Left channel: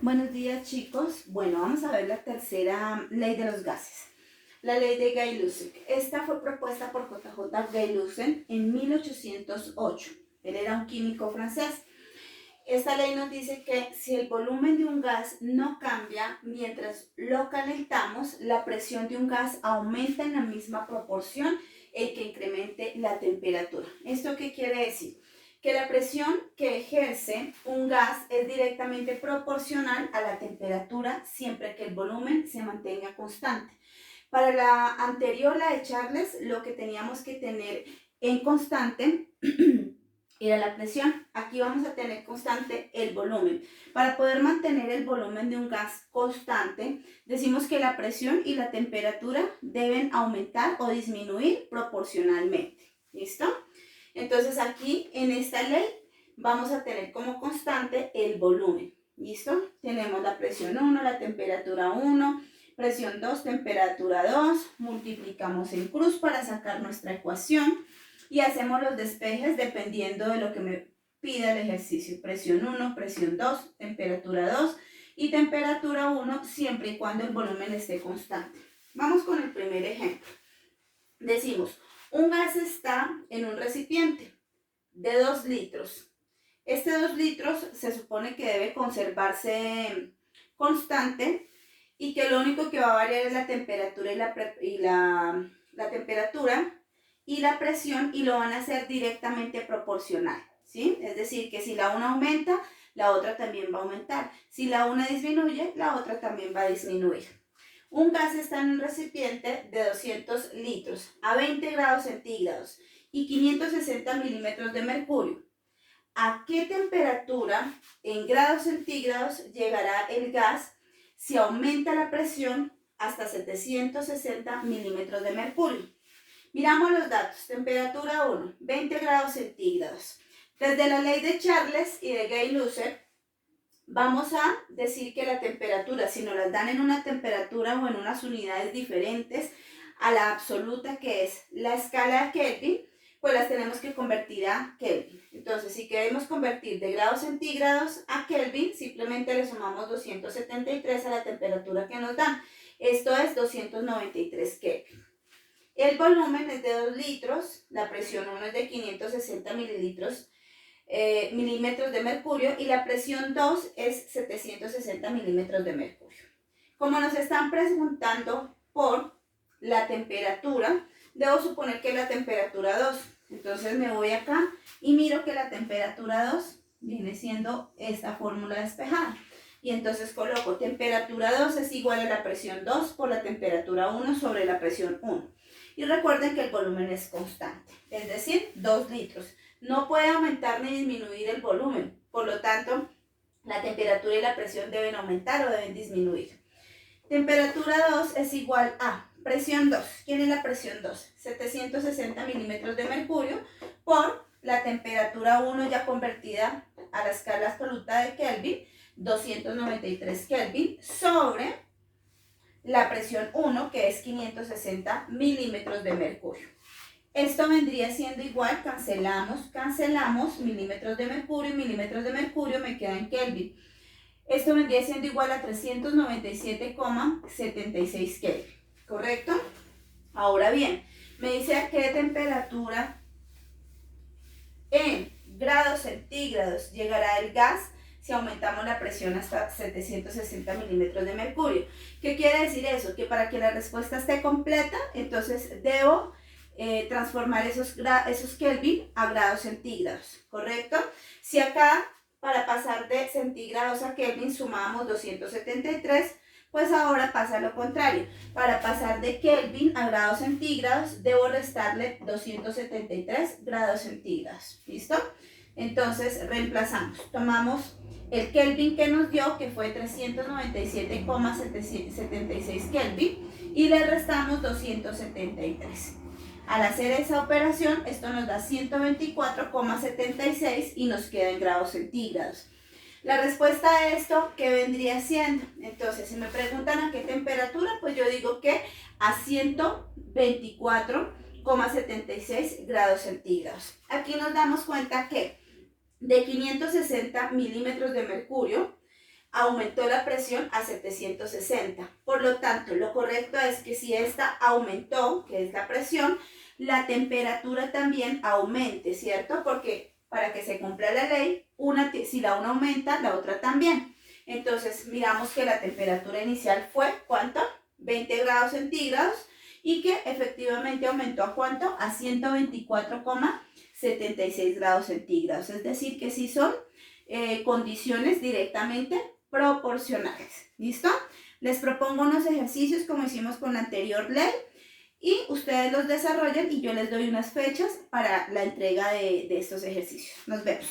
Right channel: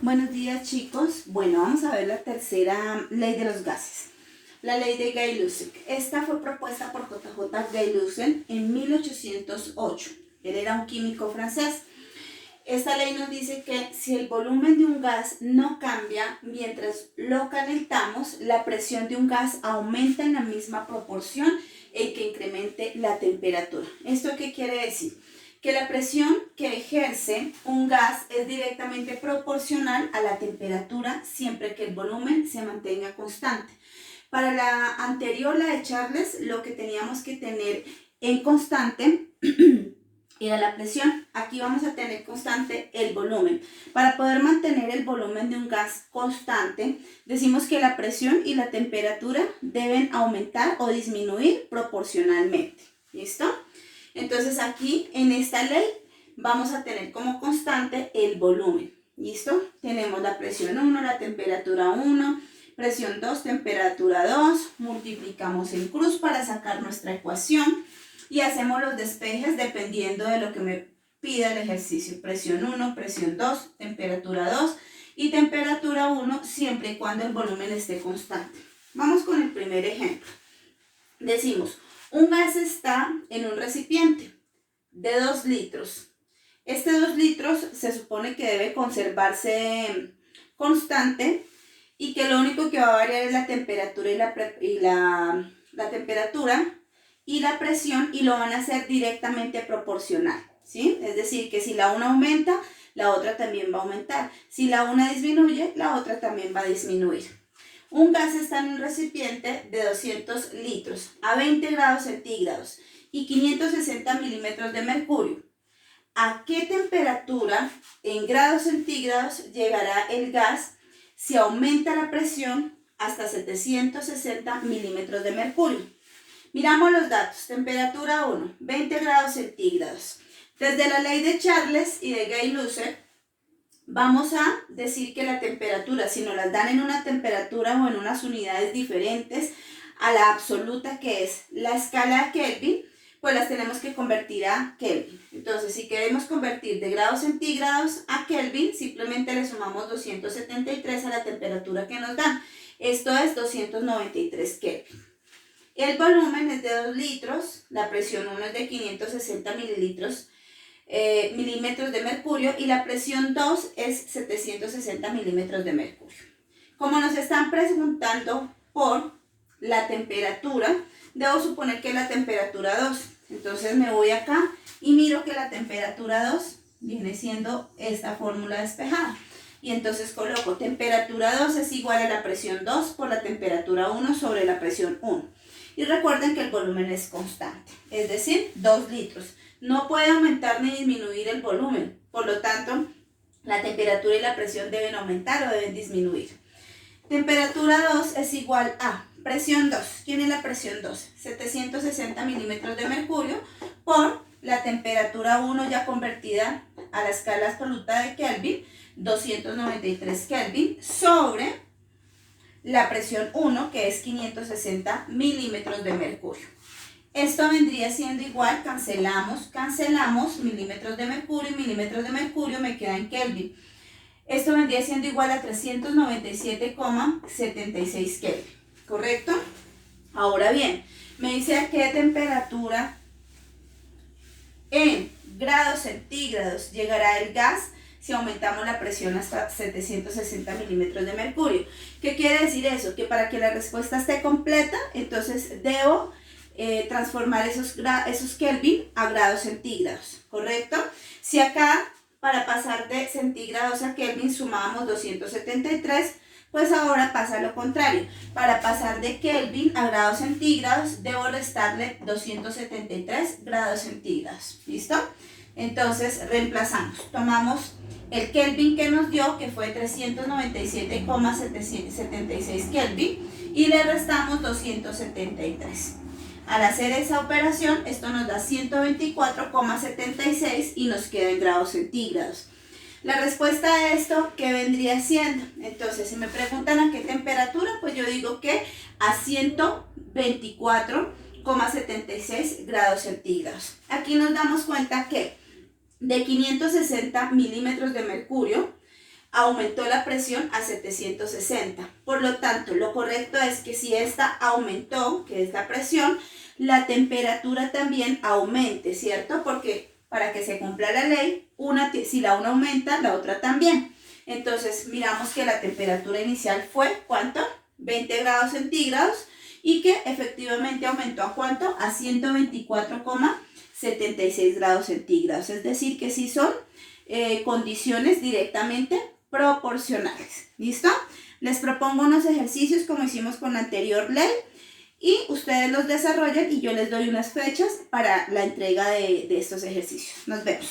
Buenos días, chicos. Bueno, vamos a ver la tercera ley de los gases, la ley de Gay-Lussac. Esta fue propuesta por J.J. Gay-Lussac en 1808. Él era un químico francés. Esta ley nos dice que si el volumen de un gas no cambia mientras lo calentamos, la presión de un gas aumenta en la misma proporción en que incremente la temperatura. ¿Esto qué quiere decir? Que la presión que ejerce un gas es directamente proporcional a la temperatura siempre que el volumen se mantenga constante. Para la anterior, la de Charles, lo que teníamos que tener en constante era la presión. Aquí vamos a tener constante el volumen. Para poder mantener el volumen de un gas constante, decimos que la presión y la temperatura deben aumentar o disminuir proporcionalmente. ¿Listo? Entonces aquí en esta ley vamos a tener como constante el volumen. ¿Listo? Tenemos la presión 1, la temperatura 1, presión 2, temperatura 2. Multiplicamos en cruz para sacar nuestra ecuación y hacemos los despejes dependiendo de lo que me pida el ejercicio. Presión 1, presión 2, temperatura 2 y temperatura 1 siempre y cuando el volumen esté constante. Vamos con el primer ejemplo. Decimos, un gas está en un recipiente de 2 litros. Este 2 litros se supone que debe conservarse constante y que lo único que va a variar es la temperatura la temperatura y la presión, y lo van a hacer directamente proporcional, ¿sí? Es decir, que si la una aumenta, la otra también va a aumentar. Si la una disminuye, la otra también va a disminuir. Un gas está en un recipiente de 200 litros a 20 grados centígrados y 560 milímetros de mercurio. ¿A qué temperatura en grados centígrados llegará el gas si aumenta la presión hasta 760 milímetros de mercurio? Miramos los datos. Temperatura 1, 20 grados centígrados. Desde la ley de Charles y de Gay-Lussac, vamos a decir que la temperatura, si nos las dan en una temperatura o en unas unidades diferentes a la absoluta, que es la escala de Kelvin, pues las tenemos que convertir a Kelvin. Entonces, si queremos convertir de grados centígrados a Kelvin, simplemente le sumamos 273 a la temperatura que nos dan. Esto es 293 Kelvin. El volumen es de 2 litros, la presión 1 es de 560 milímetros de mercurio y la presión 2 es 760 milímetros de mercurio. Como nos están preguntando por la temperatura, debo suponer que es la temperatura 2. Entonces me voy acá y miro que la temperatura 2 viene siendo esta fórmula despejada. Y entonces coloco temperatura 2 es igual a la presión 2 por la temperatura 1 sobre la presión 1. Y recuerden que el volumen es constante, es decir, 2 litros. No puede aumentar ni disminuir el volumen, por lo tanto, la temperatura y la presión deben aumentar o deben disminuir. Temperatura 2 es igual a presión 2. ¿Quién es la presión 2? 760 milímetros de mercurio por la temperatura 1 ya convertida a la escala absoluta de Kelvin, 293 Kelvin, sobre la presión 1, que es 560 milímetros de mercurio. Esto vendría siendo igual, cancelamos milímetros de mercurio y milímetros de mercurio me queda en Kelvin. Esto vendría siendo igual a 397,76 Kelvin, ¿correcto? Ahora bien, me dice a qué temperatura en grados centígrados llegará el gas si aumentamos la presión hasta 760 milímetros de mercurio. ¿Qué quiere decir eso? Que para que la respuesta esté completa, entonces debo transformar esos Kelvin a grados centígrados, ¿correcto? Si acá, para pasar de centígrados a Kelvin, sumamos 273, pues ahora pasa lo contrario. Para pasar de Kelvin a grados centígrados, debo restarle 273 grados centígrados. ¿Listo? Entonces, reemplazamos. Tomamos el Kelvin que nos dio, que fue 397,76 Kelvin, y le restamos 273. Al hacer esa operación, esto nos da 124,76 y nos queda en grados centígrados. La respuesta a esto, ¿qué vendría siendo? Entonces, si me preguntan a qué temperatura, pues yo digo que a 124,76 grados centígrados. Aquí nos damos cuenta que de 560 milímetros de mercurio aumentó la presión a 760. Por lo tanto, lo correcto es que si esta aumentó, que es la presión, la temperatura también aumente, ¿cierto? Porque para que se cumpla la ley, si la una aumenta, la otra también. Entonces, miramos que la temperatura inicial fue, ¿cuánto? 20 grados centígrados y que efectivamente aumentó ¿a cuánto? A 124,76 grados centígrados. Es decir, que sí son condiciones directamente proporcionales. ¿Listo? Les propongo unos ejercicios como hicimos con la anterior ley y ustedes los desarrollan y yo les doy unas fechas para la entrega de estos ejercicios. Nos vemos.